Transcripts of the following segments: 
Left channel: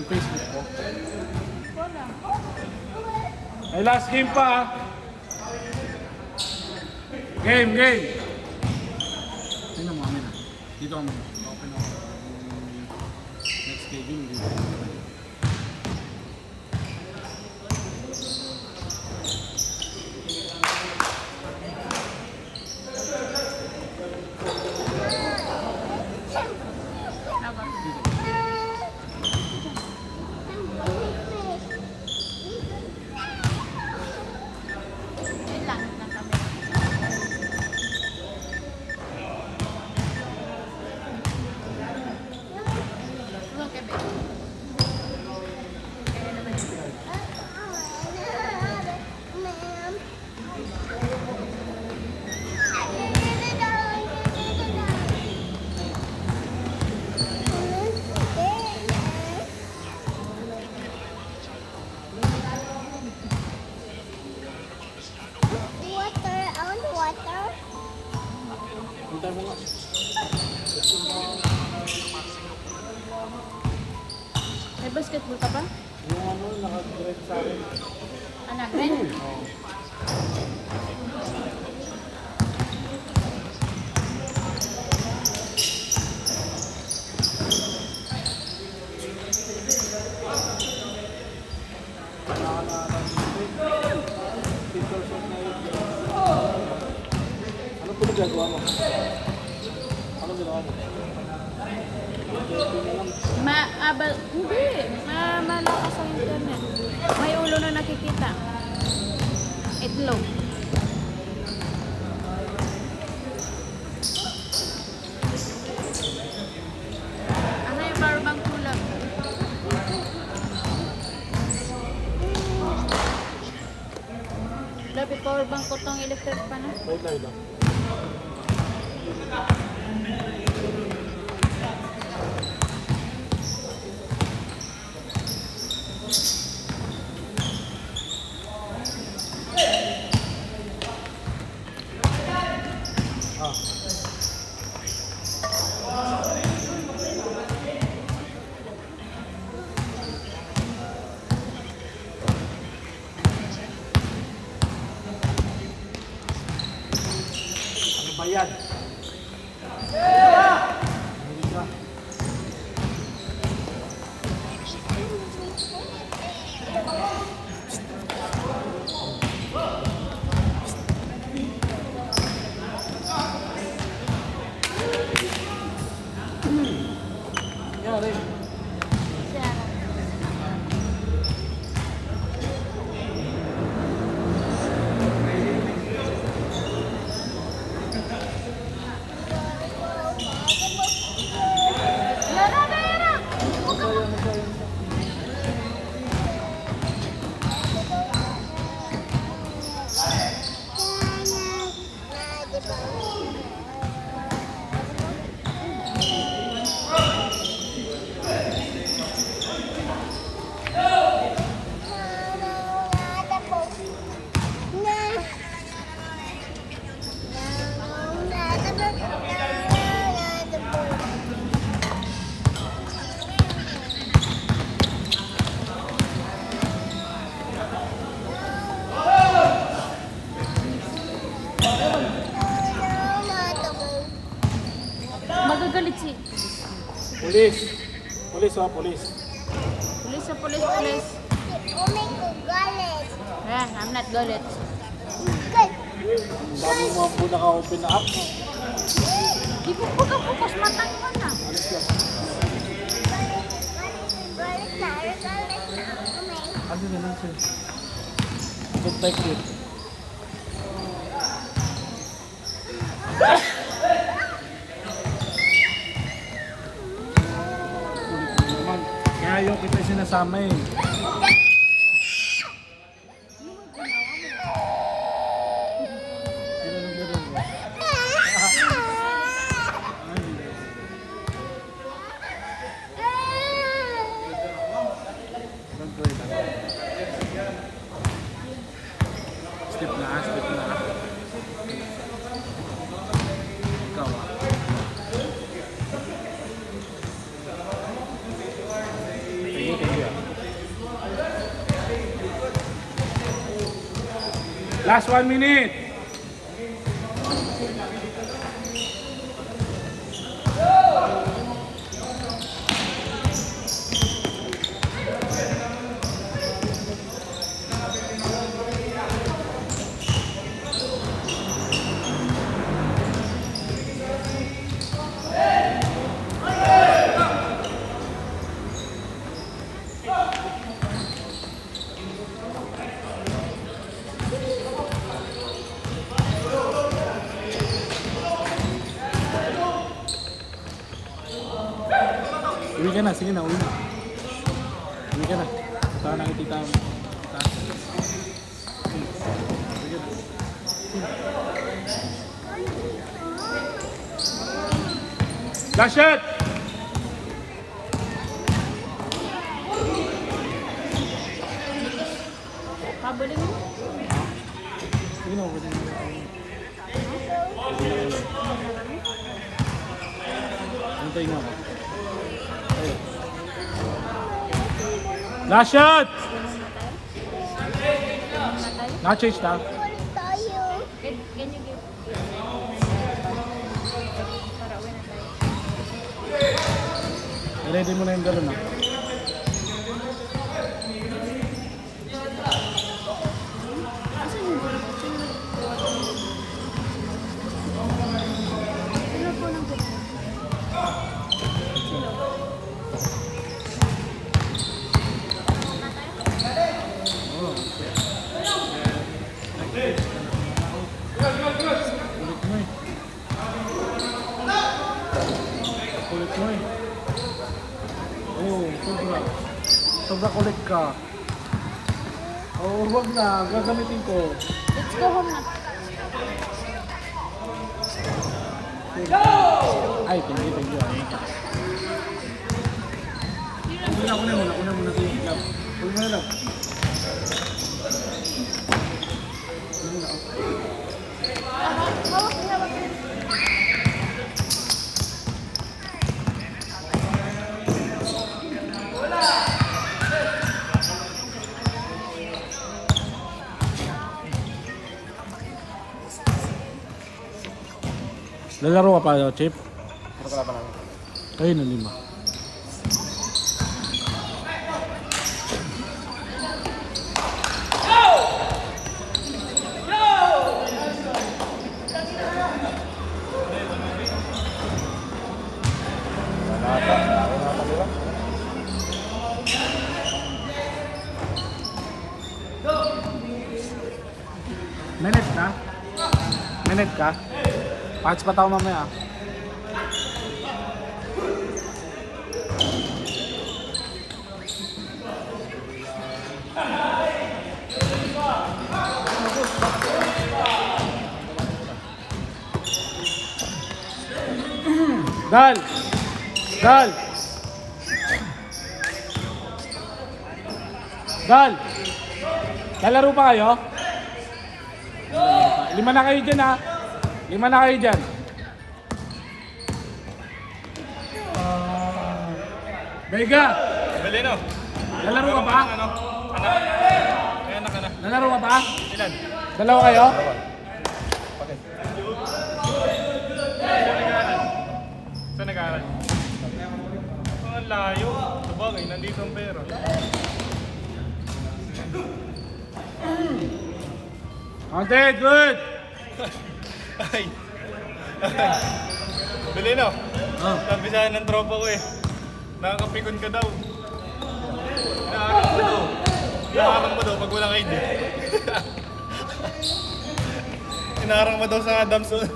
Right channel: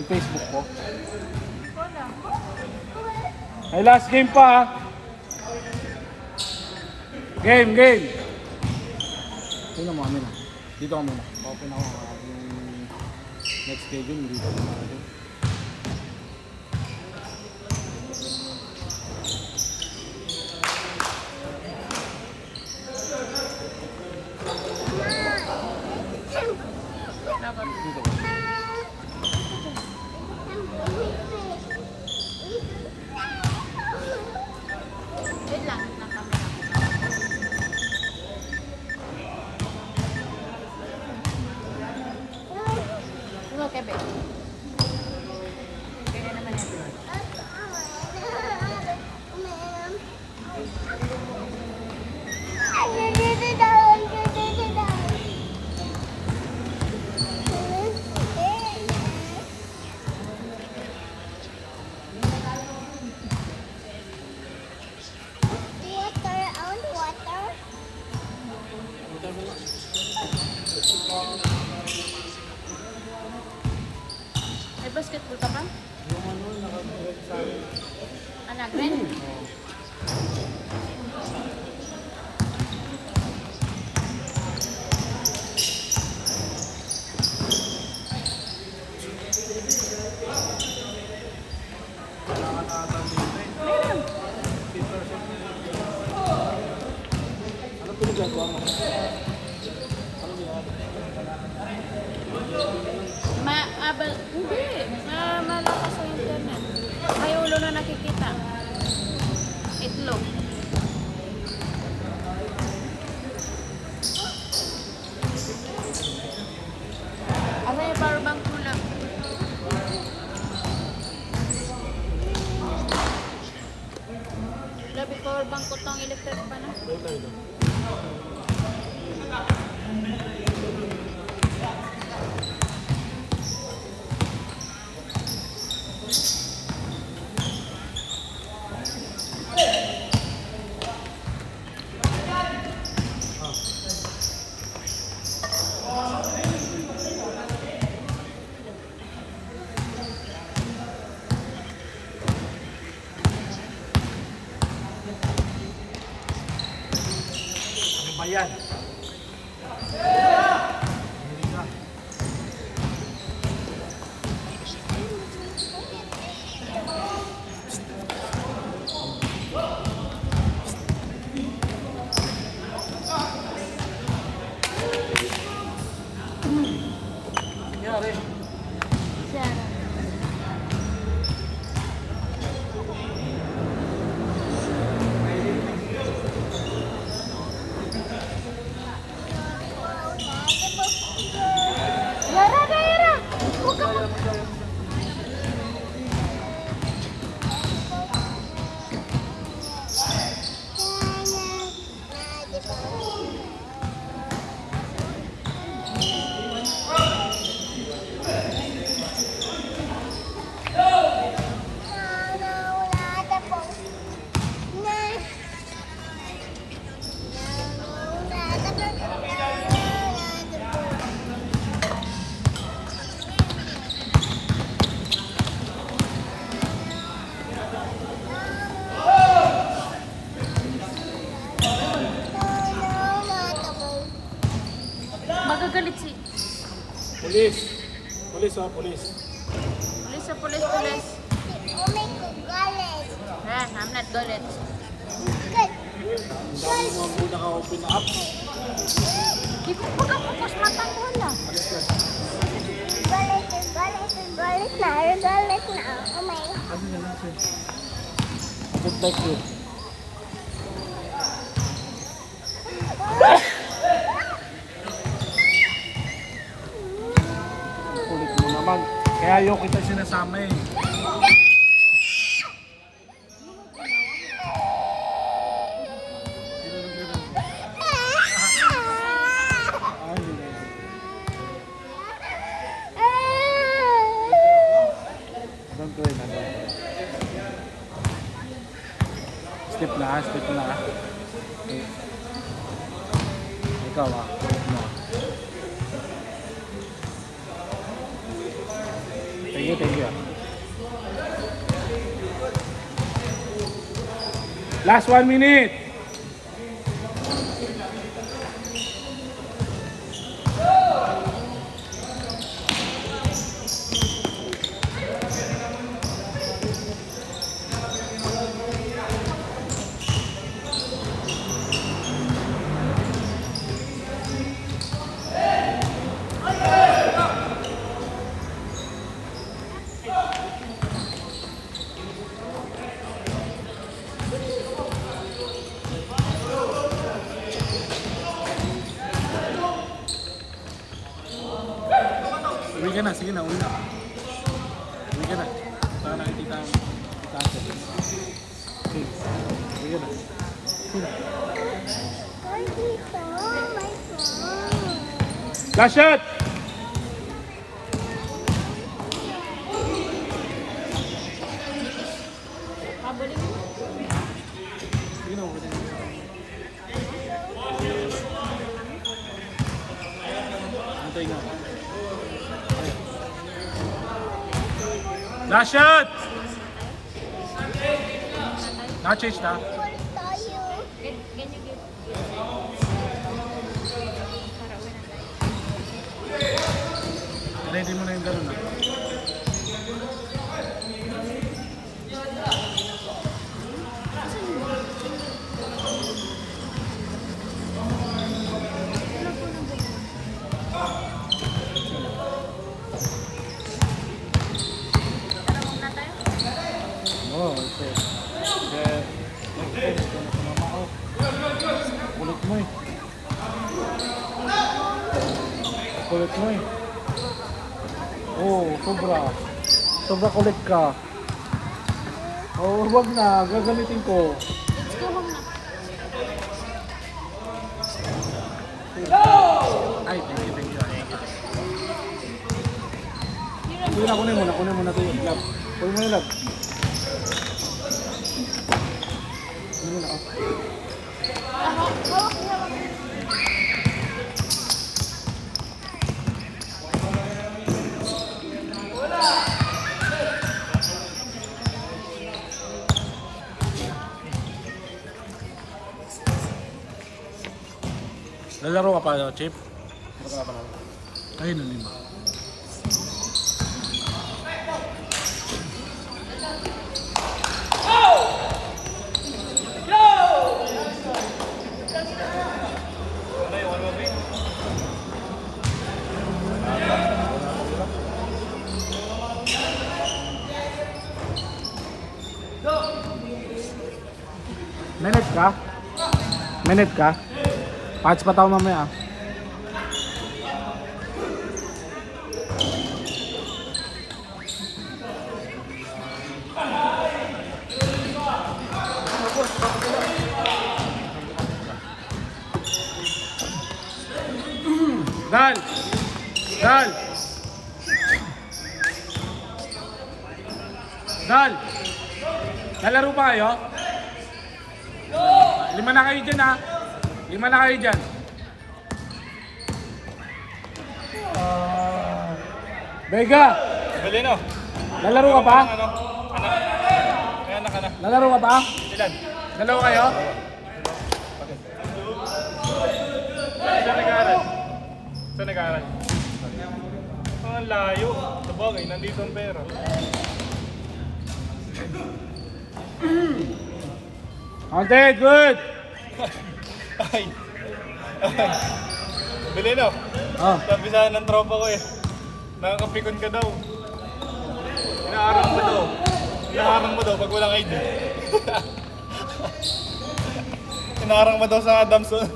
Yung Facebook po. May last game pa ha. Game. Tingnan mo kami na. Dito kami na. Open ako. Next game dito. May basketball ka ba? Yung ano, nakadirect sa akin. Anak, rin? Maabal. Malakas sa internet. May ulo na nakikita. Itlog. Ano yung power bank tulak? Labi power bank ko tong electric pa na. Bayan. Magagalit si... Police. Police. Police sa police. I'm not galit. Ang dami mo ang muna ka-open na apps. Di ko pagkapukas matang wala. Ano na lang siya? Protected. Kulit mo naman. Kaya ayaw kita sinasama eh. Step na. Ikaw ah. Thank you. Last 1 minute. Uwi ka na, sige na, uwi na. Uwi ka na. Para nakikita ang taas. Sige, uwi ka na. Last shot. Sige na, uwi na. Antayin mo. Last shot. Na-change na. Ready mo na yung galon na. Oo, okay. Kulit mo eh. Kulit mo eh. Oo, sobra. Sobra kulit ka. Oo, huwag na. Gagamitin ko. Let's go home na. Ay, thank you, thank you. Kunin muna ito yung lab. Kunin mo yung lab. Hawak niya, hawak niya. Lalaro ka pa, Chip? Ayun na, lima. Minute ka? Minute ka? Patch pa tao mamaya. Dal. Dal. Dal. Lalaro pa kayo? Lima na kayo dyan ha. Lima na kayo dyan. Vega. Belino. Lalaro ka pa? Lalaro ka pa? Ilan? Dalawa kayo? Saan nag-aaral? Ang layo. Okay, nandito ang pera. Okay, good. Ay. Belino. Oh. Sabisahan ng tropa ko eh. Nakakapikon ka daw. Inaarang mo daw pag walang ID. Inaarang mo daw sa Adamson.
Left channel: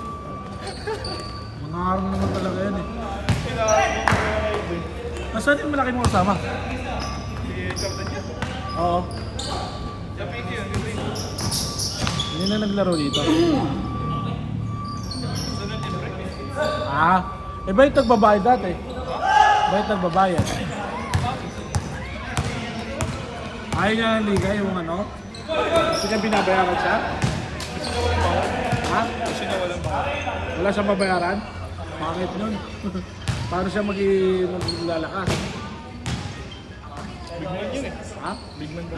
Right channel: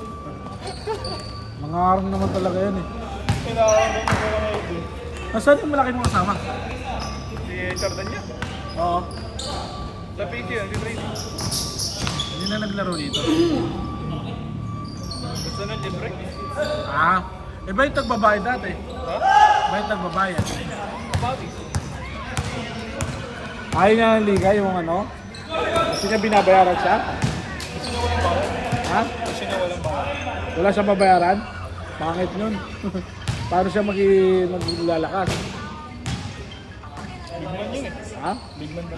Mga arang naman talaga yun eh. Inaarang mo pag walang ID. Nasaan yung malaki mo kasama? Si Jordan yan. Oo. Sa PC yun, si Tracy. Hindi na naglaro dito. Sunod libre. Ah, eh ba yung nagbabayad dati? Ba yung nagbabayad? Ayaw niya ng liga yung ano? Kasi niya binabayaran siya? Ha? Kasi na walang baka. Wala siyang babayaran? Bakit nun? Paano siya maglalakas? Big man yun eh. Ha? Big man ka.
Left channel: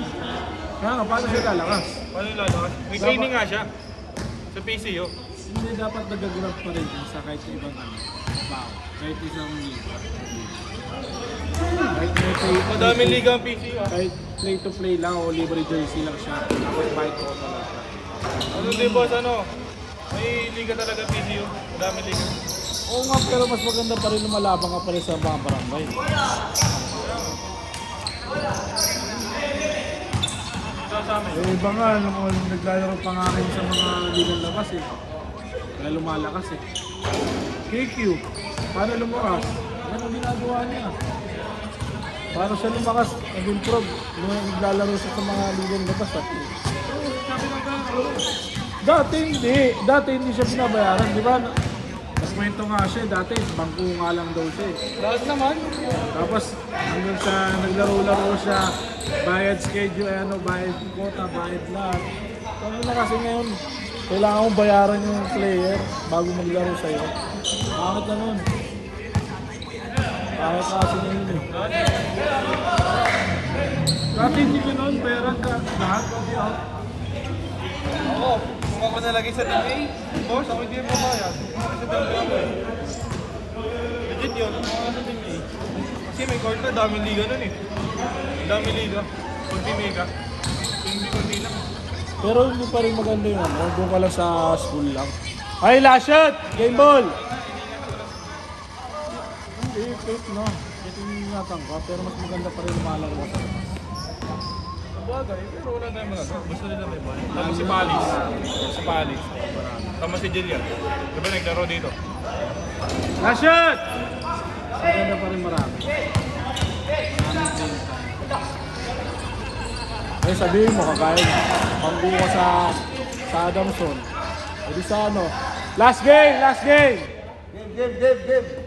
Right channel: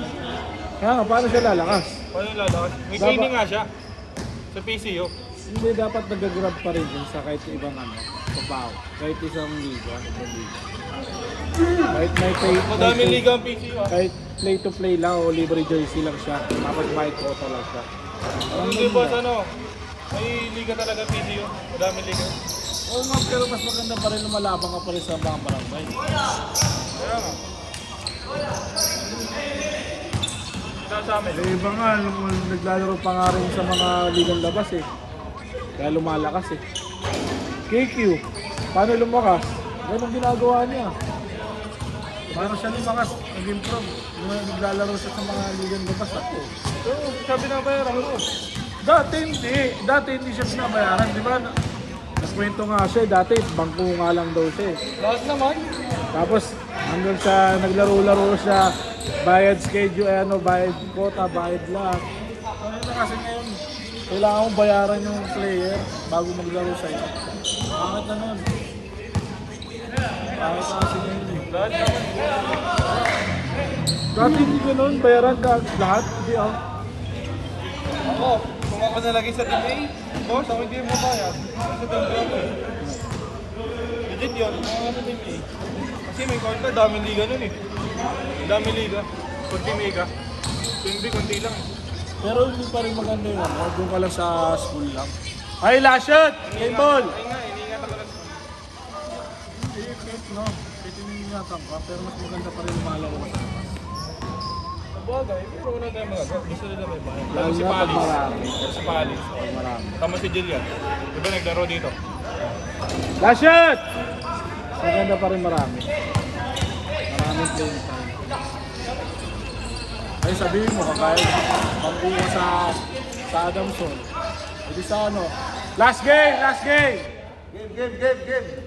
Paano siya lalakas? Paano lalakas? May training nga siya. Sa PCO. Hindi dapat nag-grab pa rin dun sa kahit ibang trabaho. Kahit isang liga. Kahit may Madaming liga ang PCO. kahit play to play lang o libre jersey lang siya. Tapos bayad ko talaga. Ano din boss, ano? May liga talaga PCO. Madaming liga. Oo nga, pero mas maganda pa rin na malabang ka pa rin sa mga barangay. Eh, iba nga, naglalaro pa nga rin sa mga ligang labas eh. Kaya lumalakas eh. KQ, paano lumakas? Yan ang ginagawa niya. Paano siya lumakas, nag-improve, naglalaro siya sa mga ligang labas at Sabi na ba yun? Dati hindi siya pinabayaran, di ba? Nagkwento nga siya, dati bangko nga lang daw siya eh. Lahat naman. Tapos hanggang sa naglaro-laro siya, bayad schedule, bayad quota, bayad lahat. Ano na kasi ngayon, kailangan mong bayaran yung player bago maglaro sa'yo. Bakit na nun? Bakit kasi ngayon eh? Dati hindi ko nun, bayaran lahat. Hindi ako. Oo. Kung ako nalagay sa TA, boss, ako hindi mo kaya. Sa TA. Legit yun. Kung ako sa TA. Kasi may kwarta, daming liga nun eh. Daming liga. Kunti mega. Kunti lang. Pero hindi pa rin maganda yun. Huwag ka lang sa school lang. Ay, last shot! Game ball! Hindi, kahit no. Kahit hindi natangka, pero mas maganda pa rin lumalaro ka sa labas. Bagay, pero wala tayong magagawa. Gusto nila may bahay. Tama si Palis. Si Palis. Tama si Jillian. Diba naglaro dito? Last shot! Mas maganda pa rin marami. Maraming playing time. Kaya sabihin mo, kahit pampi ka sa Adamson. Hindi sa ano. Last game! Last game! Game.